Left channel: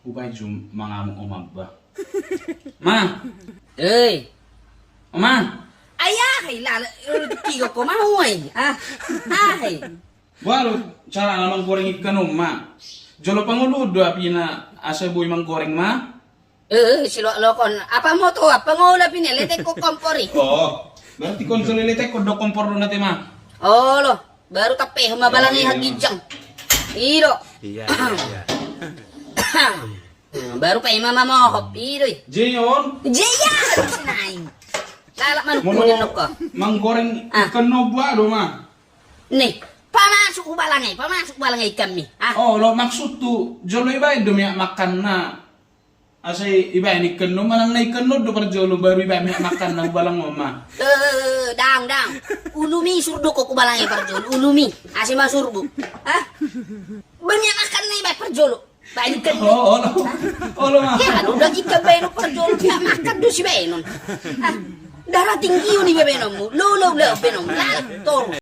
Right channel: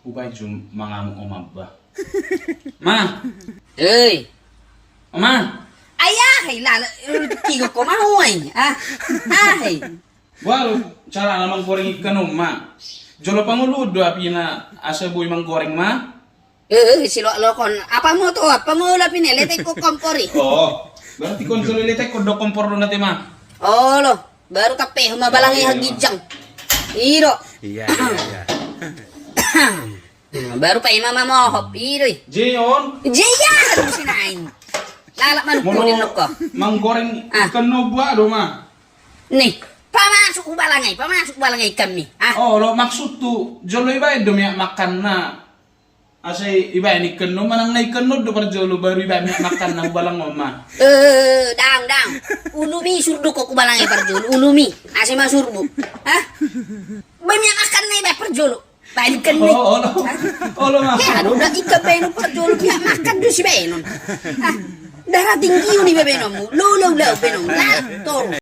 Upay jum mangamong umaba. Ma, Ơi, ma. ai á, hay là kỳ của má ơi, ai, Walau cara namang goreng ikan ma. Jolo panguludo api na asa boy mang goreng ma. si lo kon, apa mo to, apa mo la pinelete ko kompori. Oh, berarti kon jolo lete ko do kompor do nate ma. Oh lo, baru tape mabalangi hagijang. Iro. Iya. Baru pa mama mo hop, iro. Jeyon, Jaya, sinain. Lalak man molo kunin ko. mang goreng ikan no ba do ma. Nih, pamasok balangay kami. Oh, lo maksud tu jolo iba do mi makan na. Asay iba ni ikan no manang na ikan no do par jolo baru iba mi makan na balang mo ma. Dang. Ulumi surdu ko kubalangay parjolo. Ulumi, ase masurbu. Banyak makan na iba parjolo. Banyak kan ni. Oh, lo ma. Ya, udah ika beno parjolo ya makan do si beno. Darah tinggi ni beno mu. Lo beno. Lah,